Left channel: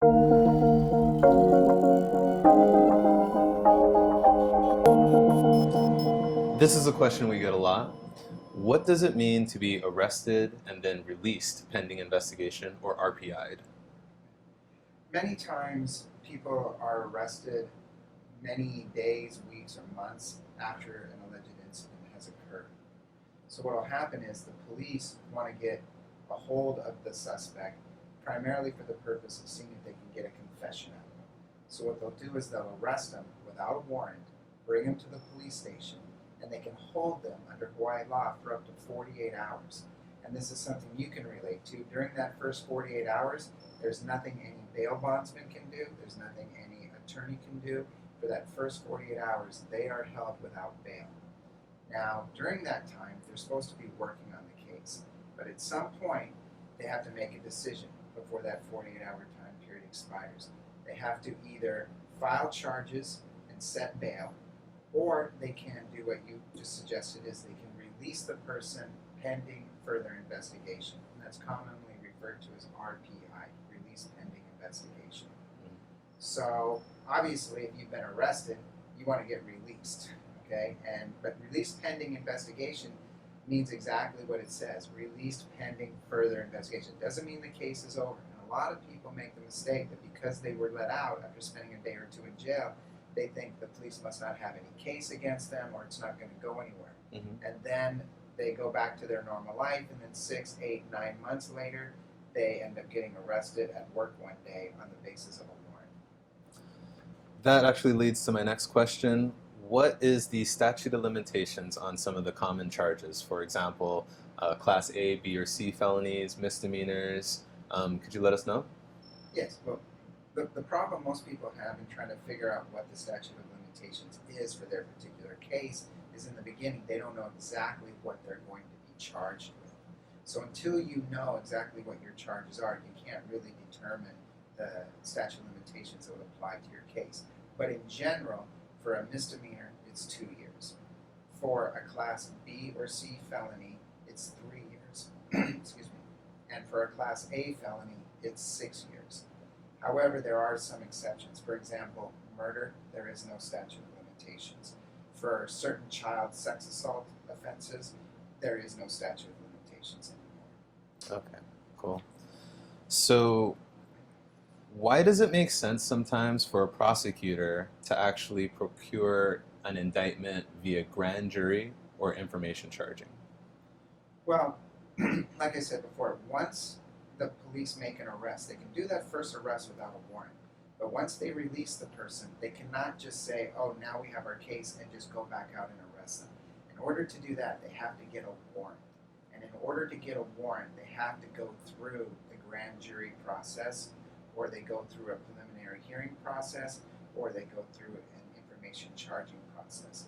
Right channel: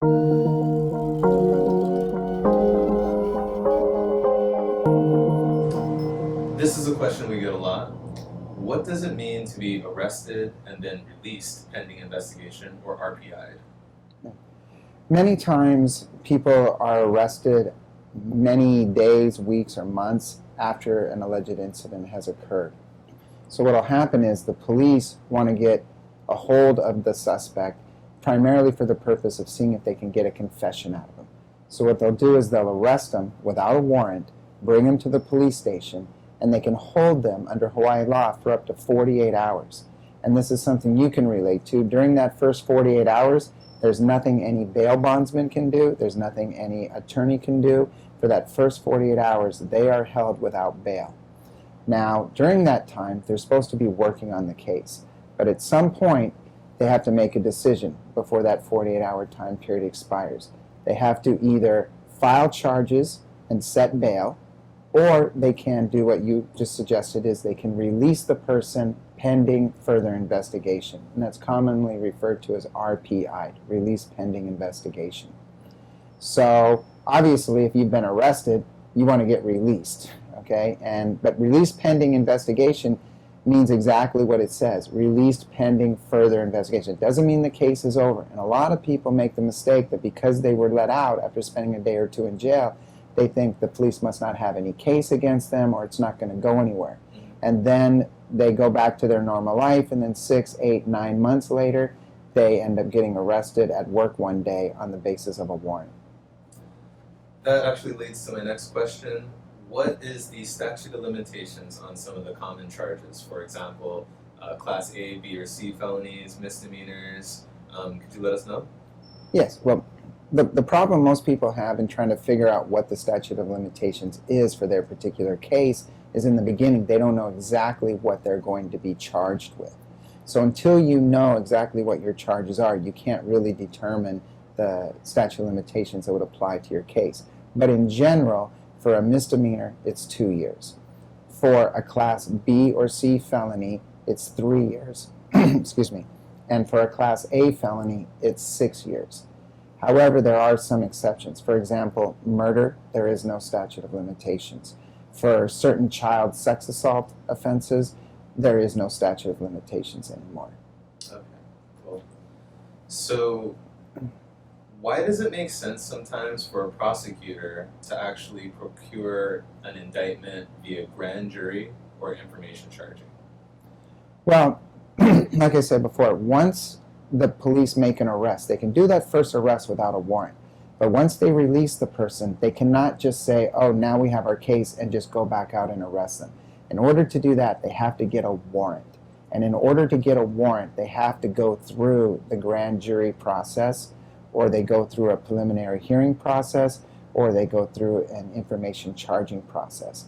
This is a question we get a lot. What does it mean to be arrested and then released pending investigation, or RPI'd? Many times people are arrested many days, weeks, or months after an alleged incident has occurred. So what will happen is the police want to get a hold of the suspect primarily for the purpose of seeing if they can get a confession out of him. So what they'll do is they'll arrest him without a warrant, bring him to the police station, and they can hold them under Hawaii law for up to 48 hours. And this is something you can relate to. During that first 48 hours, there's nothing any bail bondsman can do. There's nothing any attorney can do. For that first 48 hours, they are held without bail. Now, during that time, they're supposed to be working on the case. But at some point, they have to make a decision before that 48-hour time period expires. They have to either file charges and set bail, or they can do what you just suggested, is they can release the person pending further investigation. And that's commonly referred to as RPI, release pending investigation. So obviously, if you've been arrested, you want to get released, okay? But release pending investigation means exactly what it says, released pending further investigation. It doesn't mean the case is over. And a lot of people make the mistake that because they were let out after spending a day or two in jail, they think the police must not have any case against them or it's not going to go anywhere. And then they go back to their normal life, and then 6, 8, 9 months later, they end up getting arrested at work one day on the basis of a warrant. That actually leads to my next question. What is the statute of limitations on some of the common charges? For example, Class A, B, or C felonies, misdemeanors. Could you let us know? Yes. Well, the problem most people have in trying to figure out what the statute of limitations is for their particular case is in the beginning they don't know exactly what they're going to be charged with. So until you know exactly what your charges are, you can't really determine the statute of limitations that would apply to your case. But in general, for a misdemeanor, it's 2 years. For a Class B or C felony, it's 3 years. Excuse me. And for a Class A felony, it's 6 years. However, there are some exceptions. For example, murder, there is no statute of limitations. For certain child sex assault offenses, there is no statute of limitations anymore. Okay, cool. So why does it make sense sometimes for a prosecutor to actually procure an indictment via grand jury or information charging? Well, like I said before, once the police make an arrest, they can do that first arrest without a warrant. But once they release the person, they cannot just say, oh, now we have our case, and just go back out and arrest them. In order to do that, they have to get a warrant. And in order to get a warrant, they have to go through the grand jury process, or they go through a preliminary hearing process, or they go through an information charging process.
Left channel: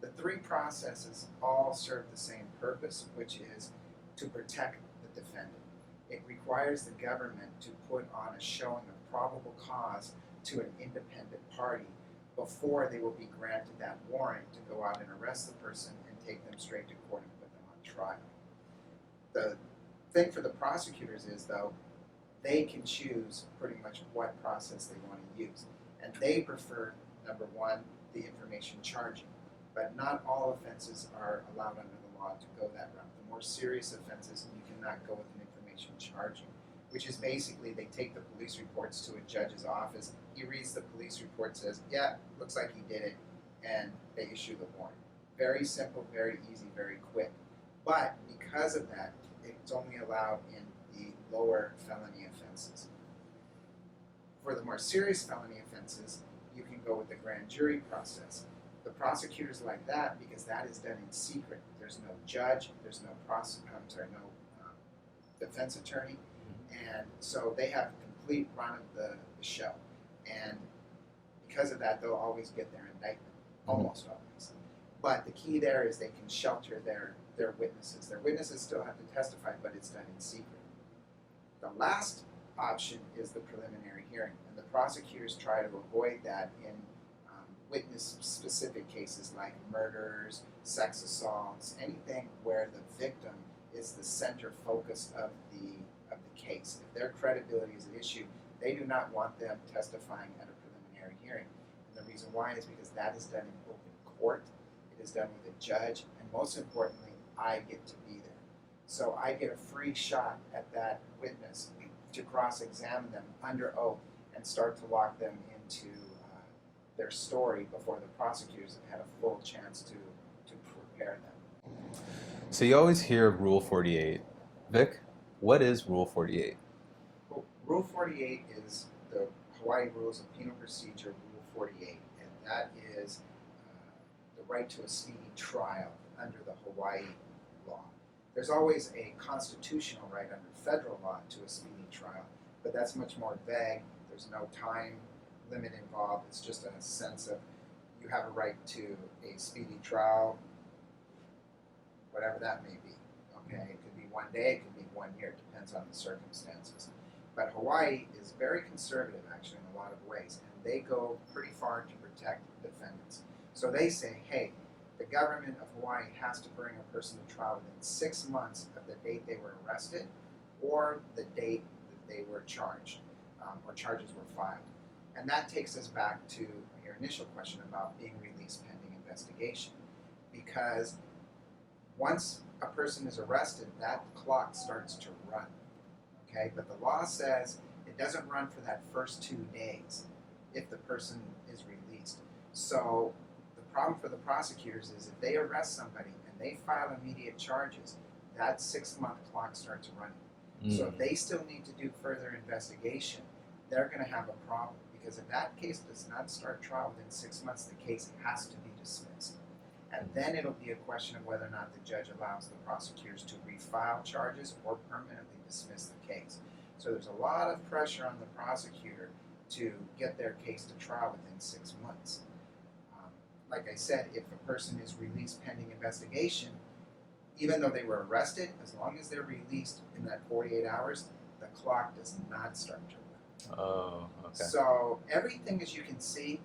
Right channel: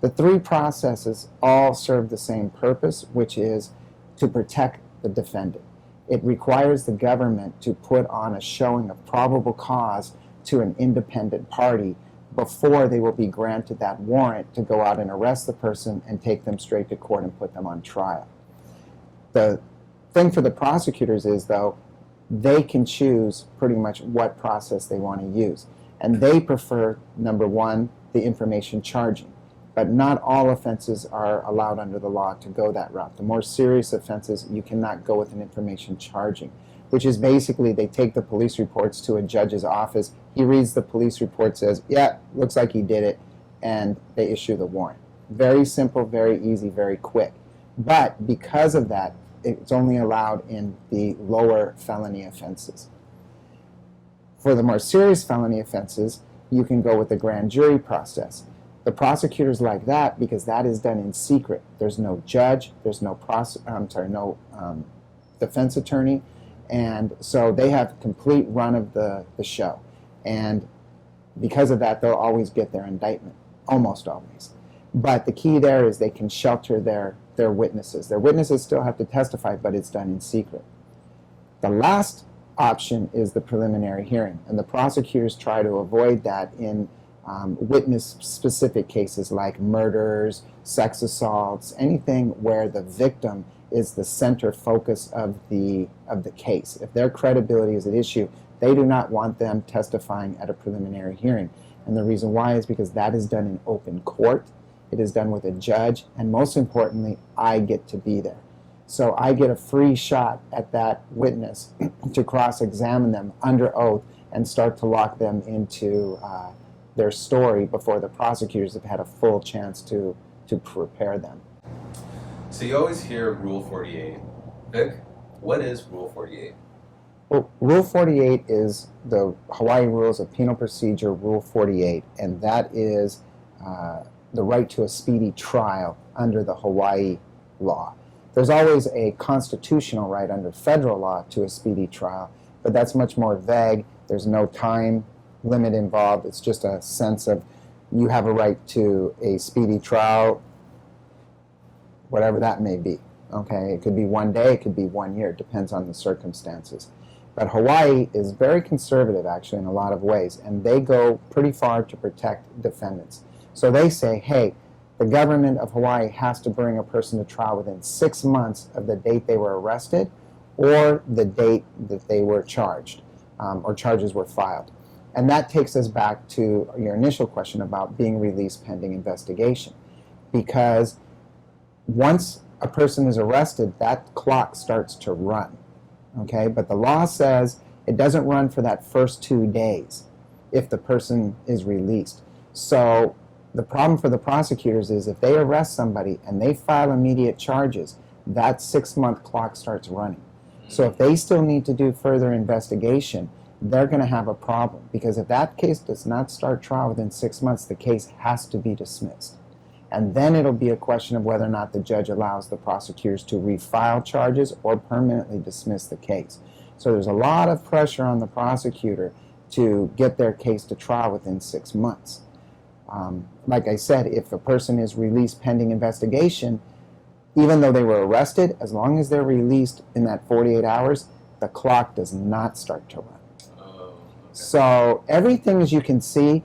The three processes all serve the same purpose, which is to protect the defendant. It requires the government to put on a showing of probable cause to an independent party before they will be granted that warrant to go out and arrest the person and take them straight to court and put them on trial. The thing for the prosecutors is, though, they can choose pretty much what process they want to use. And they prefer, number one, the information charging. But not all offenses are allowed under the law to go that route. The more serious offenses, you cannot go with an information charging, which is basically they take the police reports to a judge's office. He reads the police report, says, yeah, looks like he did it, and they issue the warrant. Very simple, very easy, very quick. But because of that, it's only allowed in the lower felony offenses. For the more serious felony offenses, you can go with the grand jury process. The prosecutors like that because that is done in secret. There's no judge, there's no defense attorney, and so they have complete run of the show. And because of that, they'll always get their indictment, almost always. But the key there is they can shelter their witnesses. Their witnesses still have to testify, but it's done in secret. The last option is the preliminary hearing, and the prosecutors try to avoid that in witness-specific cases like murders, sex assaults, anything where the victim is the center focus of the case. If their credibility is at issue, They do not want them testifying at a preliminary hearing. And the reason why is because that is done in open court. It is done with a judge, and most importantly, I get to be there. So I get a free shot at that witness to cross-examine them under oath and start to lock them into their story before the prosecutors have had a full chance to prepare them. So you always hear Rule 48. Vic, what is Rule 48? Well, Rule 48 is the Hawaii Rules of Penal Procedure, Rule 48, and that is the right to a speedy trial under the Hawaii law. There's always a constitutional right under federal law to a speedy trial, but that's much more vague. There's no time limit involved. It's just a sense of you have a right to a speedy trial, whatever that may be. Okay, it could be 1 day, it could be 1 year, it depends on the circumstances. But Hawaii is very conservative, actually, in a lot of ways, and they go pretty far to protect defendants. So they say, hey, the government of Hawaii has to bring a person to trial within 6 months of the date they were arrested or the date that they were charged or charges were filed. And that takes us back to your initial question about being released pending investigation. Because once a person is arrested, that clock starts to run. Okay? But the law says it doesn't run for that first 2 days if the person is released. So the problem for the prosecutors is if they arrest somebody and they file immediate charges, that 6-month clock starts running. So if they still need to do further investigation, they're going to have a problem, because if that case does not start trial within 6 months, the case has to be dismissed. And then it'll be a question of whether or not the judge allows the prosecutors to refile charges or permanently dismiss the case. So there's a lot of pressure on the prosecutor to get their case to trial within 6 months. Like I said, if a person is released pending investigation, even though they were arrested, as long as they're released in that 48 hours, the clock does not start to run. Oh, okay. So everything, as you can see,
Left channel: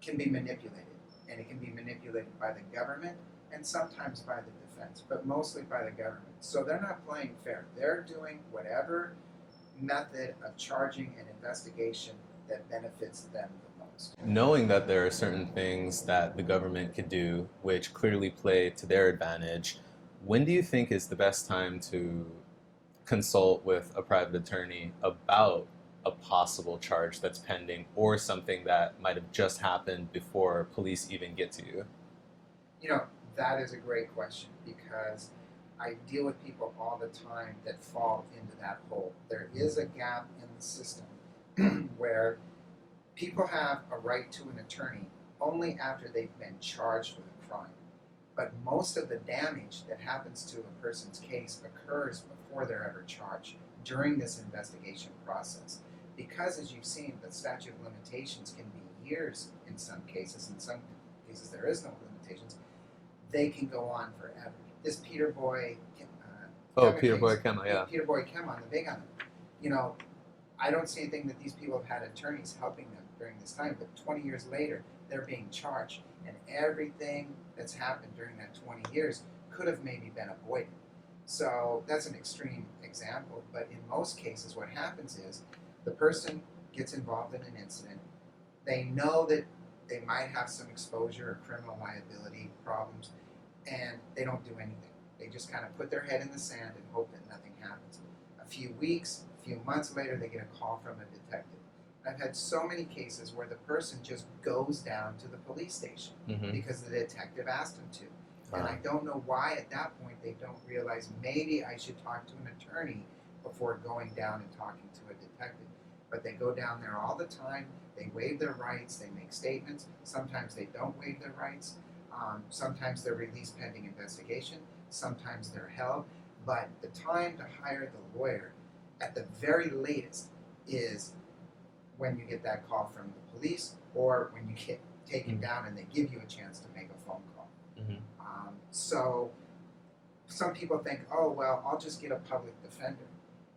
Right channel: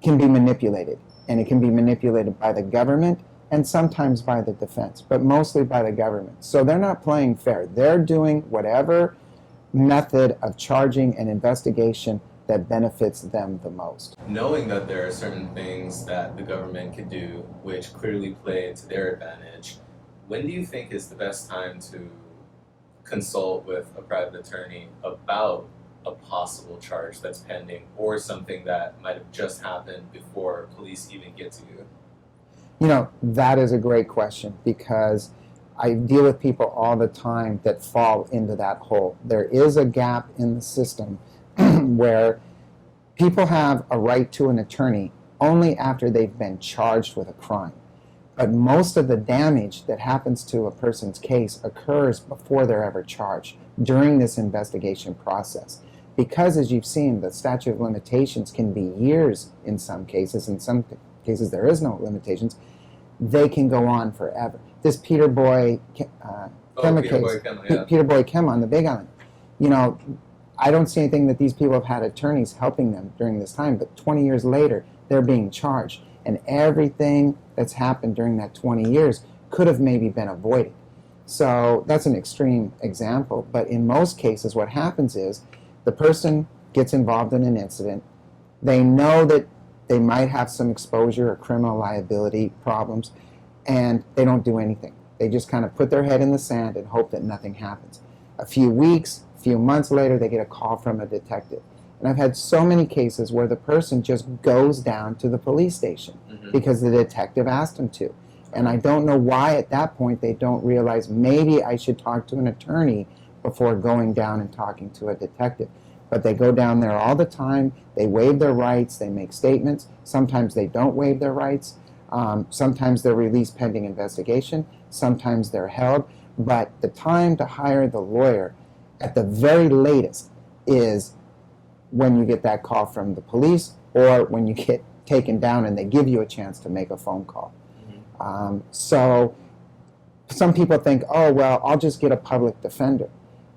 can be manipulated. And it can be manipulated by the government and sometimes by the defense, but mostly by the government. So they're not playing fair. They're doing whatever method of charging and investigation that benefits them the most. Knowing that there are certain things that the government could do which clearly play to their advantage, when do you think is the best time to consult with a private attorney about a possible charge that's pending or something that might have just happened before police even get to you? You know, that is a great question, because I deal with people all the time that fall into that hole. There is a gap in the system where people have a right to an attorney only after they've been charged with a crime. But most of the damage that happens to a person's case occurs before they're ever charged, during this investigation process. Because, as you've seen, the statute of limitations can be years in some cases. In some cases, there is no limitations. They can go on forever. This Peter Boy Kema case, Peter Boy Kema on the Big Island, you know, I don't see anything that these people have had attorneys helping them during this time, but 20 years later, they're being charged. And everything that's happened during that 20 years could have maybe been avoided. So that's an extreme example. But in most cases, what happens is the person gets involved in an incident. They know that they might have some exposure or criminal liability problems, and they don't do anything. They just kind of put their head in the sand and hope that nothing happens. A few weeks, a few months later, they get a call from a detective. And I've had so many cases where the person just goes down to the police station because the detective asked them to. And I don't know why at that point they don't realize maybe I should talk to an attorney before going down and talking to a detective. But they go down there all the time. They waive their rights. They make statements. Sometimes they don't waive their rights. Sometimes they're released pending investigation. Sometimes they're held. But the time to hire the lawyer at the very latest is when you get that call from the police, or when you get taken down and they give you a chance to make a phone call. So some people think, oh, well, I'll just get a public defender.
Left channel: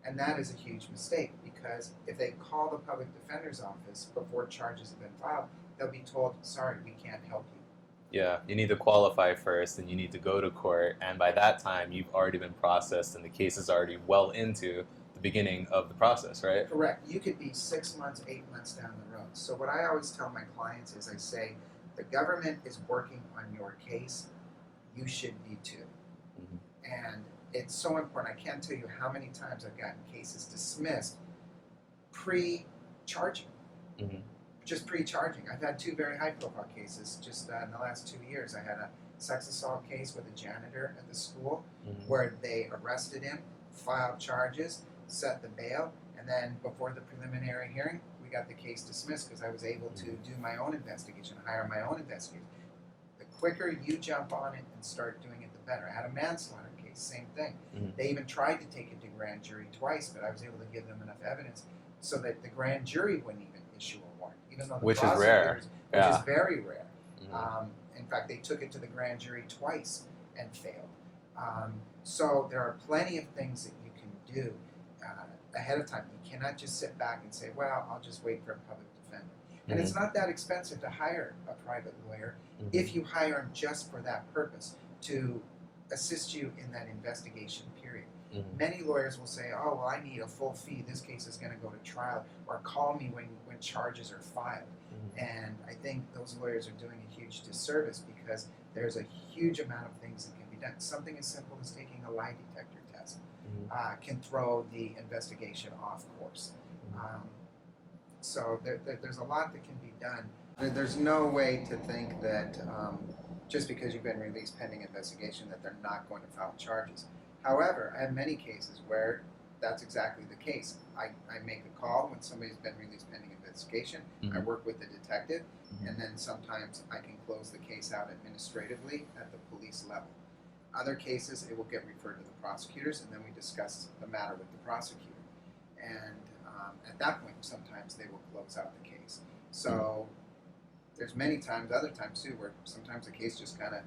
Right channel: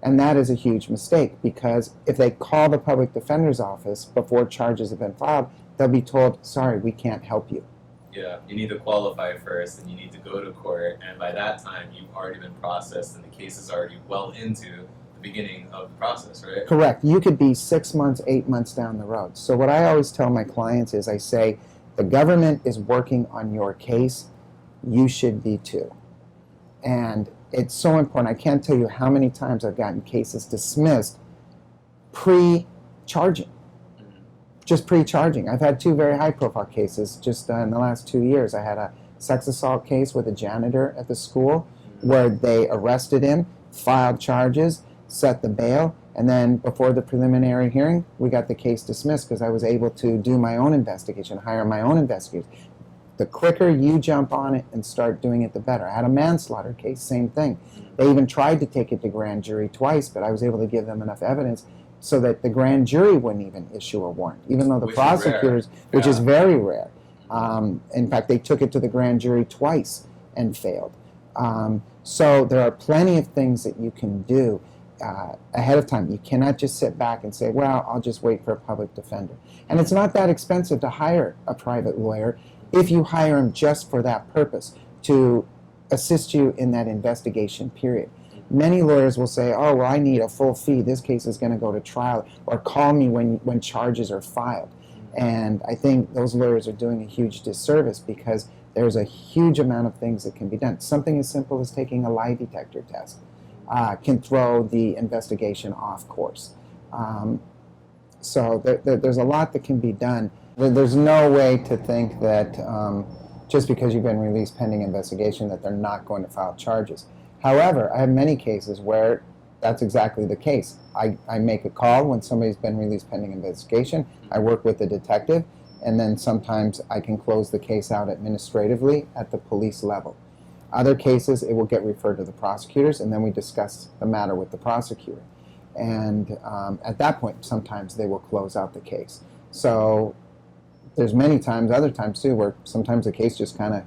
And that is a huge mistake, because if they call the public defender's office before charges have been filed, they'll be told, sorry, we can't help you. Yeah, you need to qualify first, and you need to go to court, and by that time, you've already been processed, and the case is already well into the beginning of the process, right? Correct. You could be 6 months, 8 months down the road. So what I always tell my clients is I say, the government is working on your case, you should be too. And it's so important. I can't tell you how many times I've gotten cases dismissed pre-charging. Just pre-charging. I've had 2 very high-profile cases just in the last 2 years. I had a sex assault case with a janitor at the school where they arrested him, filed charges, set the bail, and then before the preliminary hearing, we got the case dismissed because I was able to do my own investigation, hire my own investigators. The quicker you jump on it and start doing it, the better. I had a manslaughter case, same thing. They even tried to take it to grand jury twice, but I was able to give them enough evidence so that the grand jury wouldn't even issue a warrant, even though the prosecutors, which is very rare. In fact, they took it to the grand jury twice and failed. So there are plenty of things that you can do ahead of time. You cannot just sit back and say, well, I'll just wait for a public defender. And it's not that expensive to hire a private lawyer if you hire him just for that purpose, to assist you in that investigation period. Many lawyers will say, oh, well, I need a full fee. This case is going to go to trial, or call me when charges are filed. And I think those lawyers are doing a huge disservice because there's a huge amount of things that can be done. Something as simple as taking a lie detector test can throw the investigation off course. So there's a lot that can be done. There's no way to think that just because you've been released pending investigation that they're not going to file charges. However, I have many cases where that's exactly the case. I make a call when somebody's been released pending investigation. I work with the detective, and then sometimes I can close the case out administratively at the police level. Other cases, it will get referred to the prosecutors, and then we discuss the matter with the prosecutor. And at that point, sometimes they will close out the case. So there's many times, other times too, where sometimes the case just kind of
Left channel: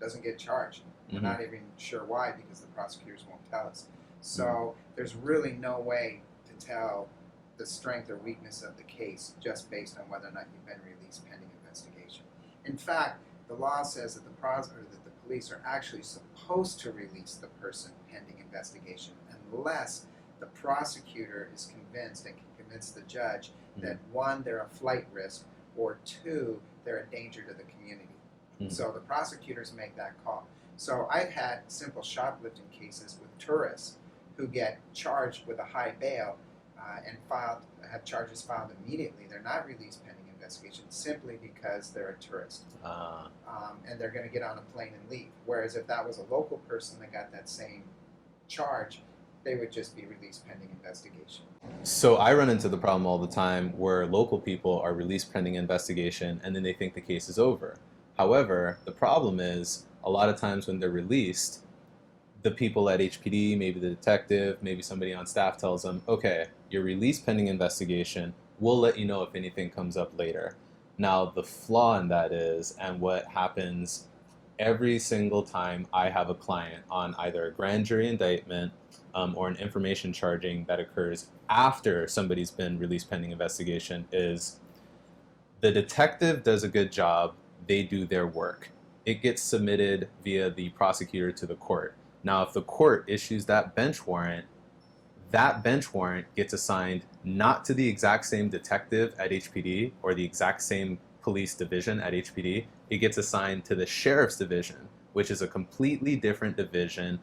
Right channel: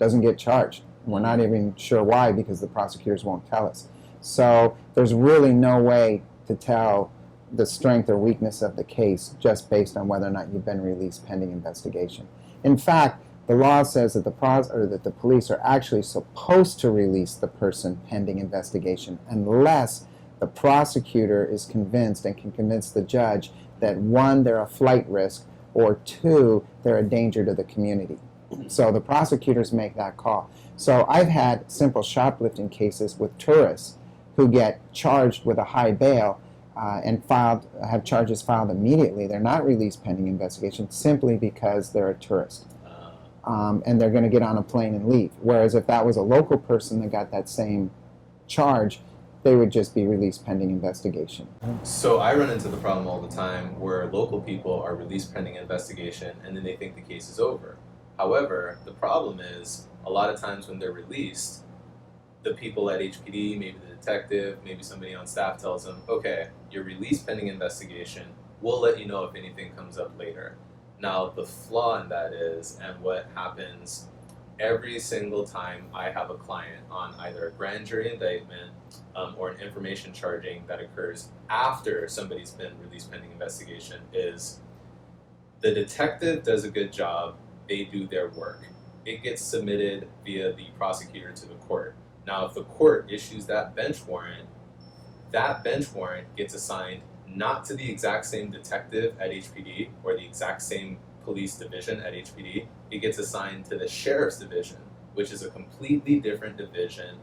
doesn't get charged. We're not even sure why because the prosecutors won't tell us. So there's really no way to tell the strength or weakness of the case just based on whether or not you've been released pending investigation. In fact, the law says that the police are actually supposed to release the person pending investigation unless the prosecutor is convinced and can convince the judge that 1, they're a flight risk, or 2, they're a danger to the community. So the prosecutors make that call. So I've had simple shoplifting cases with tourists who get charged with a high bail and have charges filed immediately. They're not released pending investigation simply because they're a tourist. And they're going to get on a plane and leave. Whereas if that was a local person that got that same charge, they would just be released pending investigation. So I run into the problem all the time where local people are released pending investigation and then they think the case is over. However, the problem is a lot of times when they're released, the people at HPD, maybe the detective, maybe somebody on staff tells them, okay, you're released pending investigation. We'll let you know if anything comes up later. Now, the flaw in that is, and what happens every single time I have a client on either a grand jury indictment or an information charging that occurs after somebody's been released pending investigation, is the detective does a good job. They do their work. It gets submitted via the prosecutor to the court. Now, if the court issues that bench warrant gets assigned not to the exact same detective at HPD or the exact same police division at HPD. It gets assigned to the sheriff's division, which is a completely different division,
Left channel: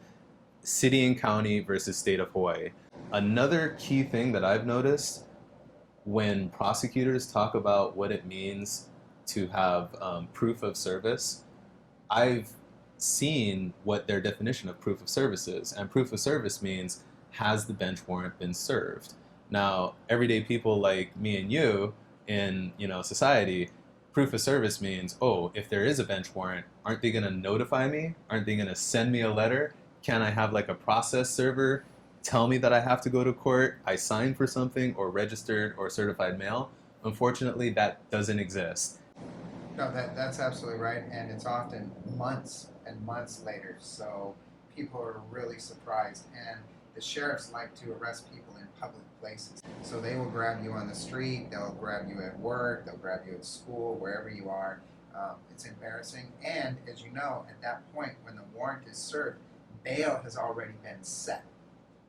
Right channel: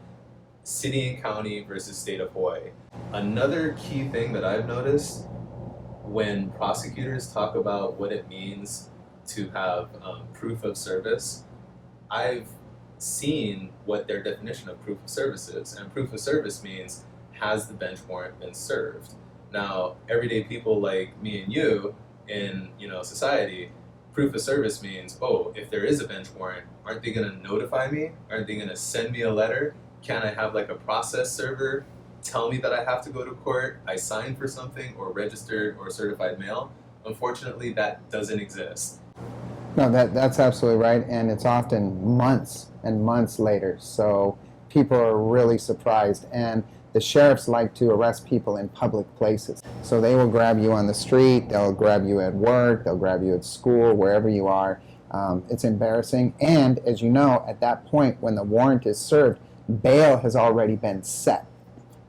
city and county versus state of Hawaii. Another key thing that I've noticed when prosecutors talk about what it means to have proof of service, I've seen what their definition of proof of service is. And proof of service means, has the bench warrant been served? Now, everyday people like me and you in society, proof of service means, oh, if there is a bench warrant, aren't they going to notify me? Aren't they going to send me a letter? Can I have like a process server tell me that I have to go to court, I signed for something, or registered or certified mail? Unfortunately, that doesn't exist. No, that's absolutely right, and it's often months and months later, so people are really surprised. And the sheriffs like to arrest people in public places. So they will grab you on the street, they'll grab you at work, they'll grab you at school, wherever you are. It's embarrassing. And as you know, at that point, when the warrant is served, bail has already been set.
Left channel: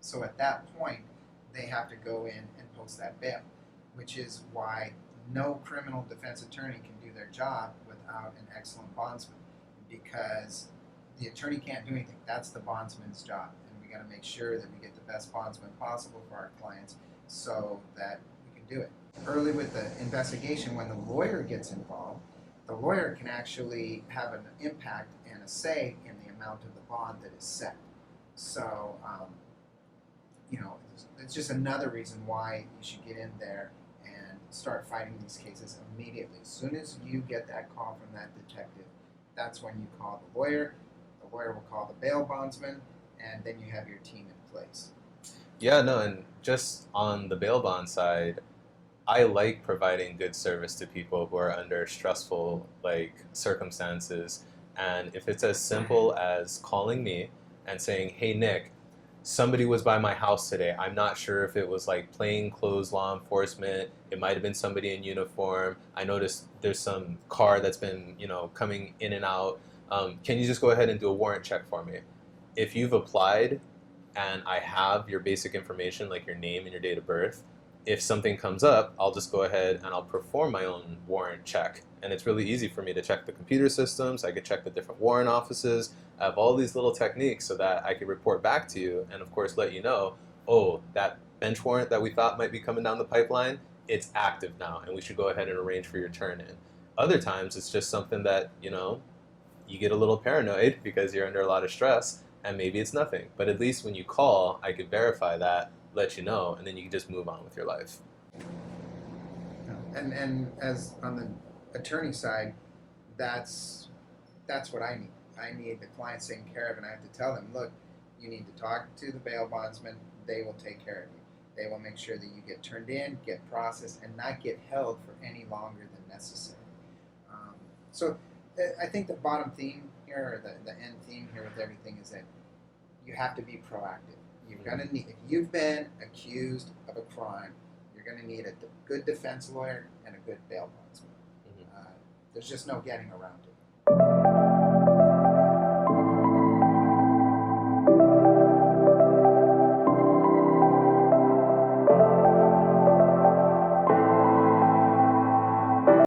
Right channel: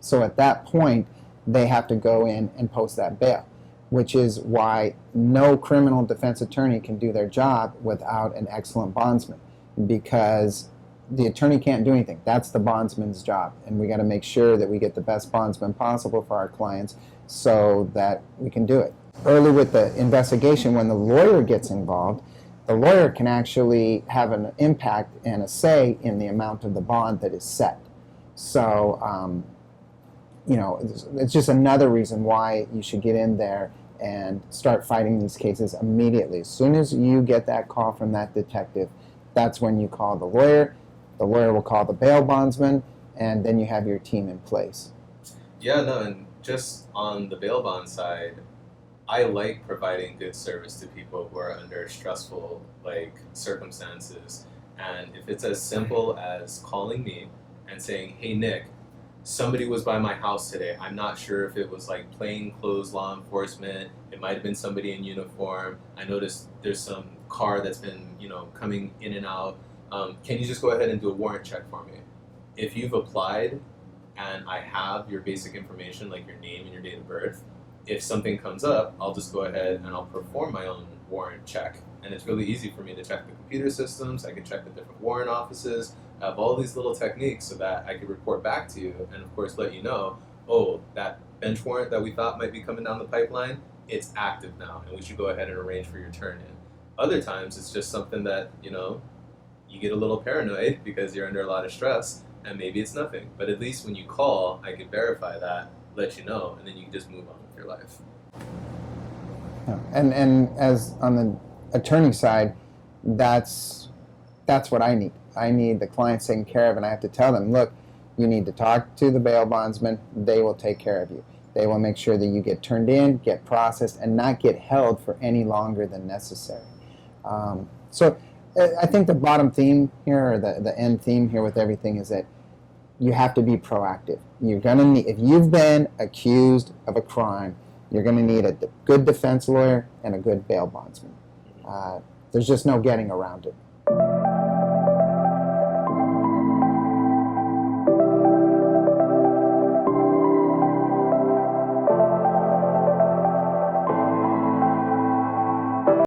So at that point, they have to go in and post that bail, which is why no criminal defense attorney can do their job without an excellent bondsman, because the attorney can't do anything. That's the bondsman's job, and we got to make sure that we get the best bondsman possible for our clients so that we can do it. Early with the investigation, when the lawyer gets involved, the lawyer can actually have an impact and a say in the amount of the bond that is set. So, it's just another reason why you should get in there and start fighting these cases immediately. As soon as you get that call from that detective, that's when you call the lawyer. The lawyer will call the bail bondsman, and then you have your team in place. Yeah, no, and just on the bail bond side, I like providing good service to people who are under stressful circumstances. And if it's as simple as calling me and saying, "Hey Nick, somebody was by my house today. I'm not sure if it was plainclothes law enforcement. It might have been somebody in uniform. I noticed there's some car that's been, coming in and out. Can you just go ahead and do a warrant check for me?" If you've applied and I have your basic information, like your name and your date of birth, if something comes up, I'll just go ahead and I'll perform my own warrant check. And it's really easy for me to check the computer systems. I can check the different warrant offices. I have all these little techniques so that I can report back to you and, of course, let you know, oh, that bench warrant that we thought might be coming down the pipeline, it's active now, and we should go ahead and arrange for your turn in. Other times, it's just something that, you get a little paranoid because you're under a lot of stress, and maybe it's nothing. But at least when you call, I could verify that, let you know, and then you can just move on with your life. Yeah. And as on the attorney side, that's what I need. I need the clients taken care of, and I have to tell them, look, you need to talk to the bail bondsman. They will take care of you. They will make sure that you get turned in, get processed, and not get held for any longer than necessary. So I think the bottom theme here, or the end theme here with everything, is that you have to be proactive. You're gonna need, if you've been accused of a crime, you're gonna need a good defense lawyer and a good bail bondsman. There's just no getting around it.